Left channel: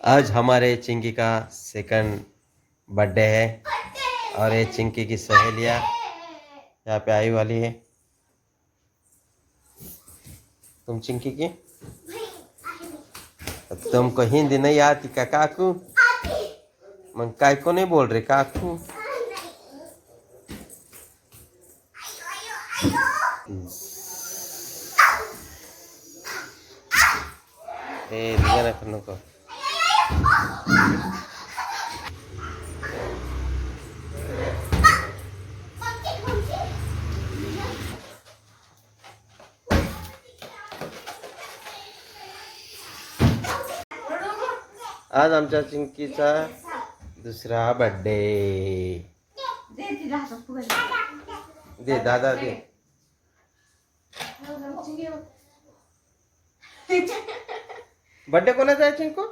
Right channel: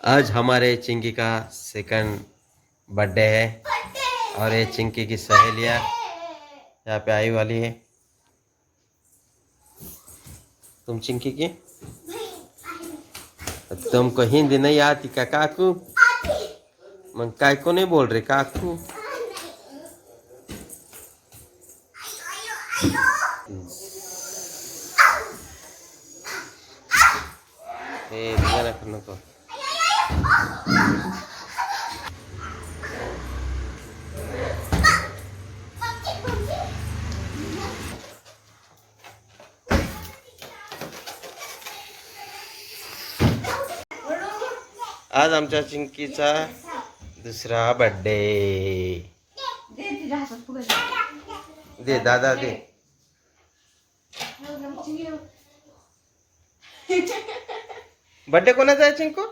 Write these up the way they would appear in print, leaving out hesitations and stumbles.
आज हमारे चिंकी का सेकंड बर्थडे है और ये चिंकी की सहेलियाँ यहाँ पे आई वाली है। तुम चिंकी की तुमको हिंदी नहीं आती क्या काकू? मग काय को नहीं बोल रहे काकू? नको। आज आमच्या चिंकीचा दुसरा बर्थडे। दे दादा दे। बर्थडे कोणाचा आहे चिंकू?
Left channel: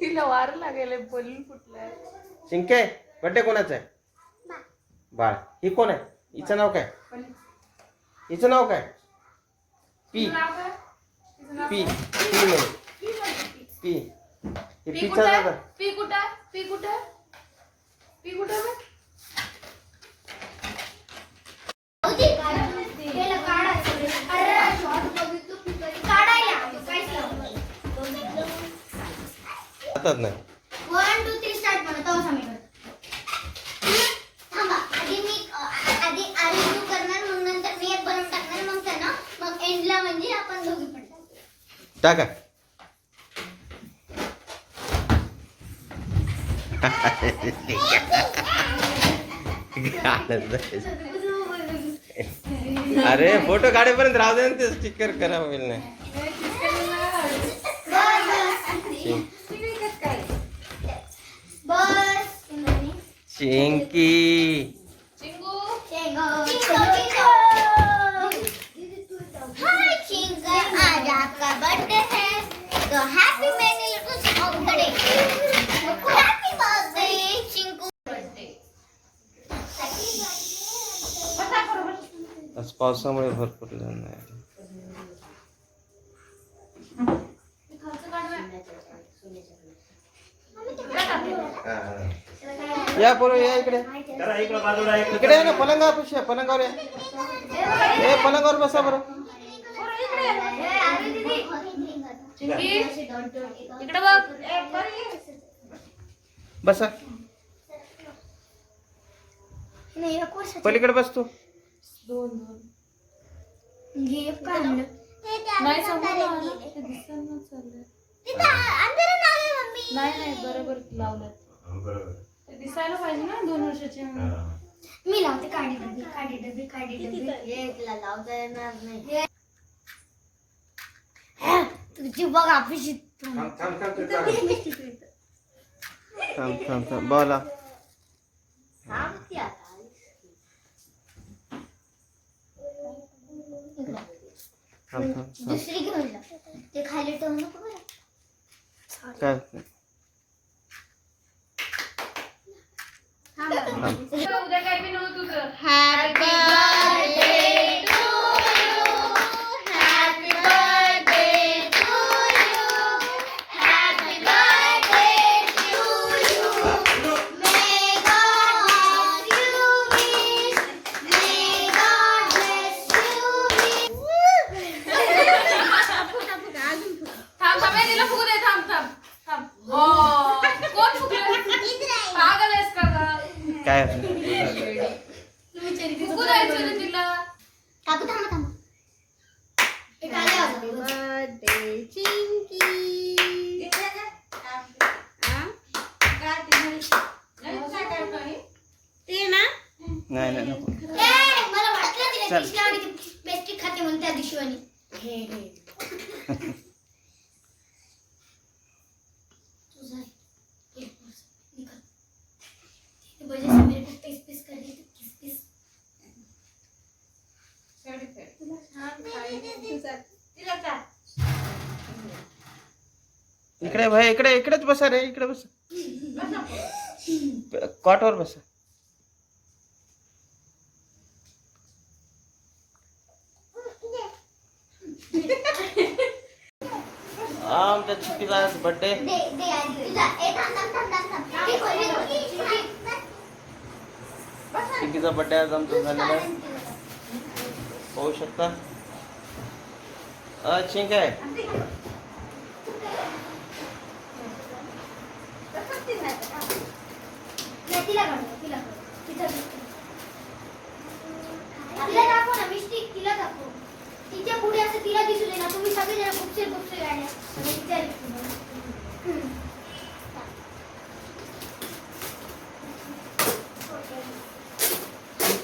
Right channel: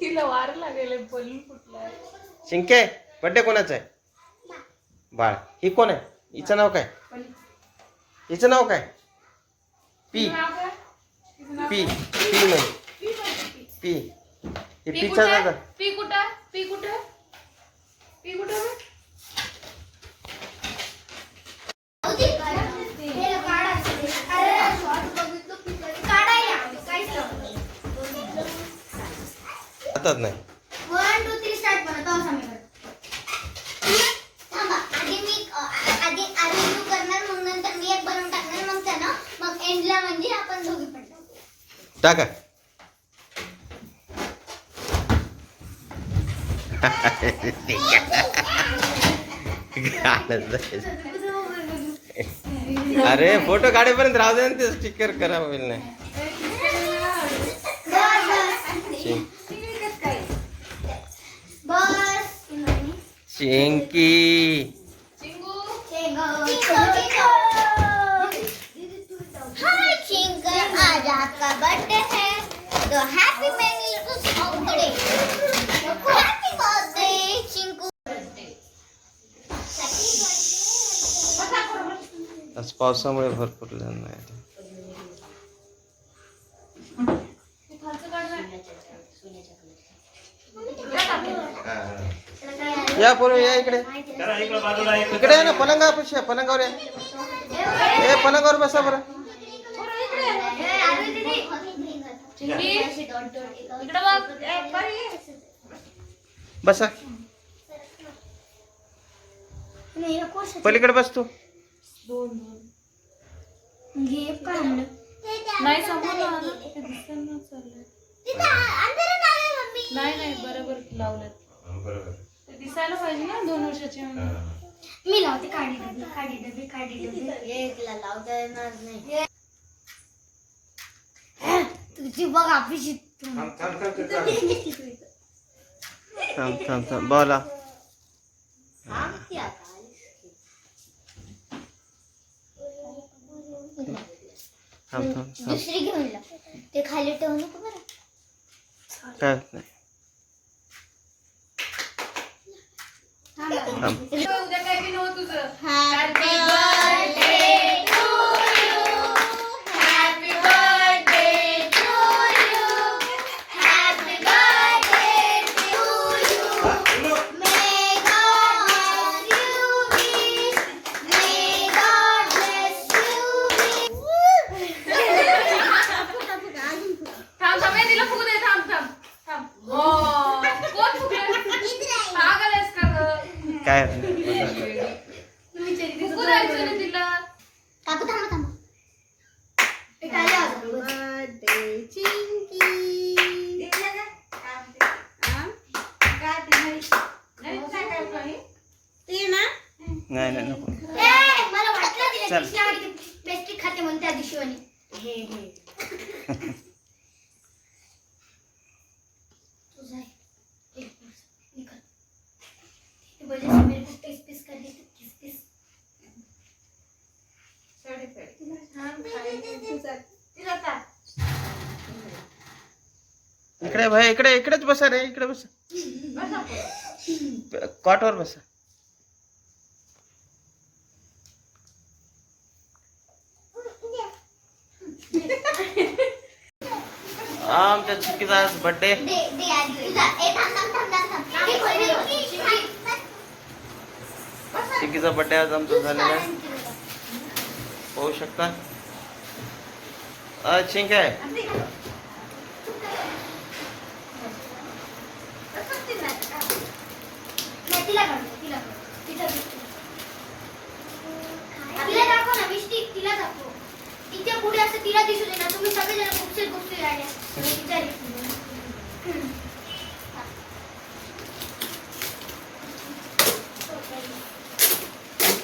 तिला वार लागेल बोलून फुटलाय। चिंके बर्थडे कोणाचा आहे? बाळ ही कोण आहे? हिचं नाव काय? हिचं नाव काय? पी पी पी म्हणे पी। हे पीचा दादा। पी कुठे? पी कुठे? पी कुठे? हातात नाही। 1 2 3 स्टार्ट म्हणतो असं मी थांबा आधी तू करणार मग नंतर मी एक बनवून टाकणार मग त्यांना मग एंडला म्हणजे आपण दोघी पण टाका। अरे फोटो काढेपर्यंत राहू दे ना ते स्टिकर करा होईल नाही। चिंकी आज आपका बर्थडे है तो हैप्पी मैनी बर्थडे हैप्पी बर्थडे चिंकू। आज पावसामुळे भरपूर जण नाही। या पोरं या इकडे इकडे आहे ना पलंगापाशी पलंगावर या। ए पलंगावर बसा बरं। इकडे बघ बसा पलीकडे बस तू। नाही नाही बरोबर लावलं दिसायला पाहिजे ना 2 वर्षाचे। मी लावते काढी डबी एकला लावता येणार नाही तुझी बघ आपली थांब बोला। दुसरी घेऊन ते खाली ठेवू नको बरं काय होत नाही। उद्या काय बी नव्हतं तुझं। Happy birthday to you happy birthday to you happy birthday to you may God bless you wish may God bless you थांब थांब तिला फुगू दे। थांब थांब थांब कोण फुगलं? पागल आहेस का गं? काय तुम्ही चेरी फुगू द्यायचं ना तिला। काकू थांबा ते काय बर्थडे चिंकी ते ना नाही नको। मला वाटलं चल. पेस्ट्री खाते म्हणून त्या दिवशी वाली वजह से मेरे को टेस्ट पीस कर दी किस पीस इकडे भाई इकडेच बसा रे। इकडे बसा कॉटवर बसा। हा आमच्या चिक्कीचा आज बर्थडे. दे दे आधी तुझा. ए थांब थांब थांब थांब थांब. हे खोल, हे खोल. चिक्कीचा बर्थडे आज आमचा झालेला आहे. पाहू शकता. चिंक आहे. तिला काढ, तिला काढ. तिला दाखव ना मिष्टी, तिला दाखव. तिच्या पुढे असं तिला दिसू दे ना. तुम्ही सगळेजण गुपचूप गुपचूप राहिले. तिच्या दिसू दे.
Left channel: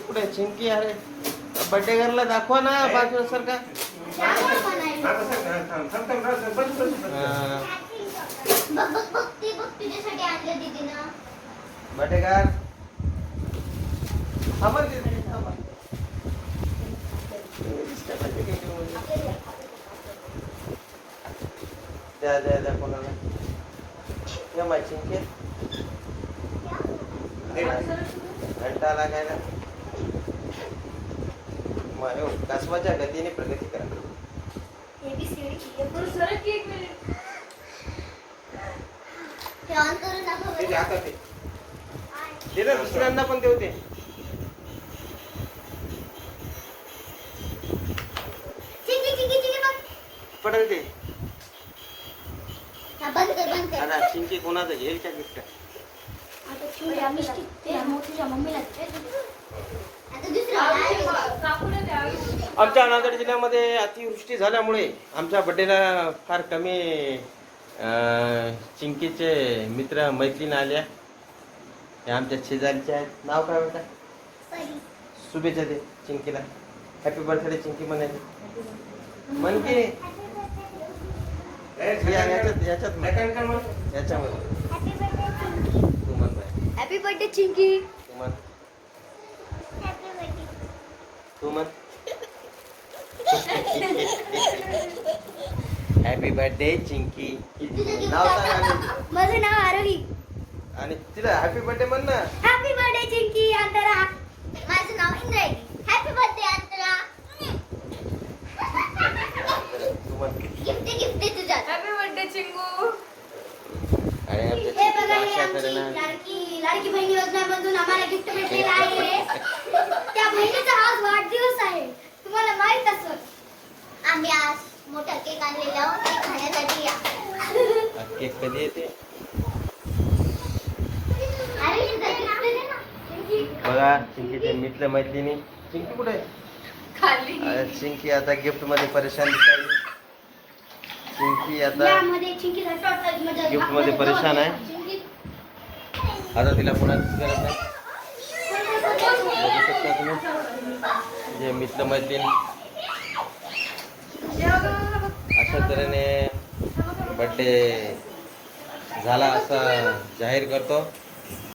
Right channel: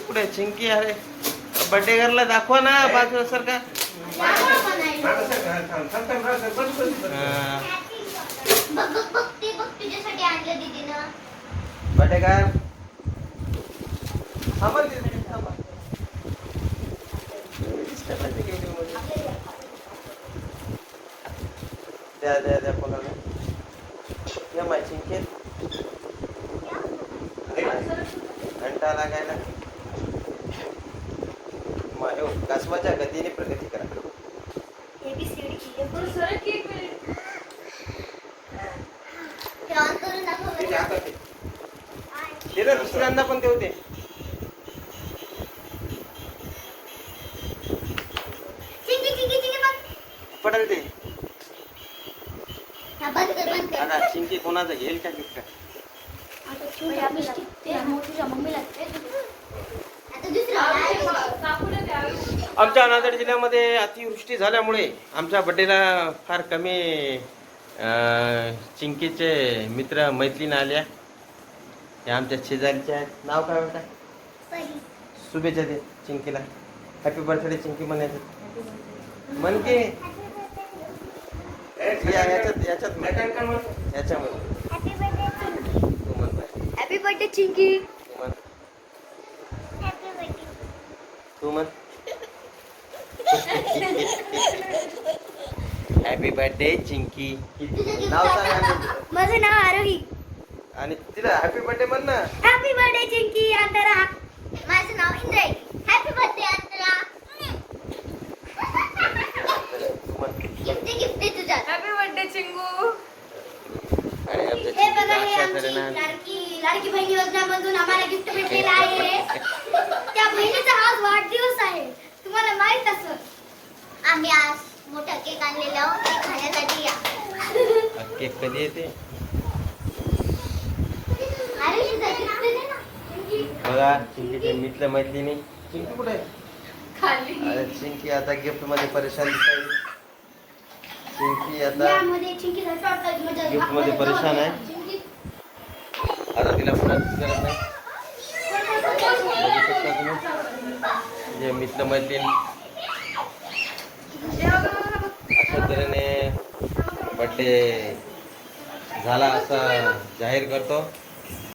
कुठे चिंकी अरे बर्थडे गर्लला दाखवा ना बाजूला सारखा. दाखव म्हणायला. बघ बघ बघ ते बघ तुझ्यासाठी आणलं दीदीनं. बर्थडे कर. द्या कोणाला. ये माय चिंके. घंटा लागायला. मारे कसवाच्या गतीने प्रगती करा. ते ऑन करून दाखव. ते आता ते. ते ना दुसऱ्यांदा पण ते होते. चिंकी चिंकी चिंकी बघ. पडेल ते. हा, बंद कर बंद कर. आता चिंकी कोणाचं घेईल का गिफ्ट? आता मिष्टी ते मोठीच्या मम्मीला दे. आता दुसरं आमच्या नांदेड जिल्ह्यामध्ये अतिवृष्टी झाल्यामुळे आमच्या बड्डेला फार कमी चिंकीचे मित्र मैत्रीण आल्या. हे आमच्या शेजारीचे आहेत. नाव काय होतं? पहिली. शुभेच्छा दे चिंकीला. हॅपी बर्थडे चिंकी म्हणाले. म्हण की याच्यामध्ये हॅपी बर्थडे चिंकी. तू म्हण. Happy birthday Chinki. नाव सांग आणि- माझं नाव आरोही. आणि तिला हॅपी बर्थडे म्हण ना. Happy birthday Chinki Antara. माझं नाव Indrai. Happy birthday Antara. Gift gift तुझ्या. Happy birthday Chingu. आणि आमच्या हे बघा, हे चिंकीला अशा आमची तऱ्हेनं लाडकी बहीण योजनामधून आम्हाला गिफ्ट भेटलेलं आहे. त्या बहिणीचा आज वाढदिवस आहे. तुम्हाला माहित असेल. आम्ही आज मोठा केक आणलेला आहोत ते खाण्यासाठी या. केक कधी येते? अरे हे जरा दे ना. बघा चिंकीचे मित्र मैत्रिणी. चिंकी कुठे आहे? खाली. अरे चिंकी आता गिफ्ट मध्ये परेशान दिसायली. चिंकी आता यामध्ये चिंकीला शॉर्ट मध्ये गिफ्ट मध्ये परेशान आहे. आता तिला कोणाचीच गरज नाही. बघू शकता तुम्ही जे मित्र मैत्रीण अशा तऱ्हेने बर्थडे झाला असं जाहीर करतो.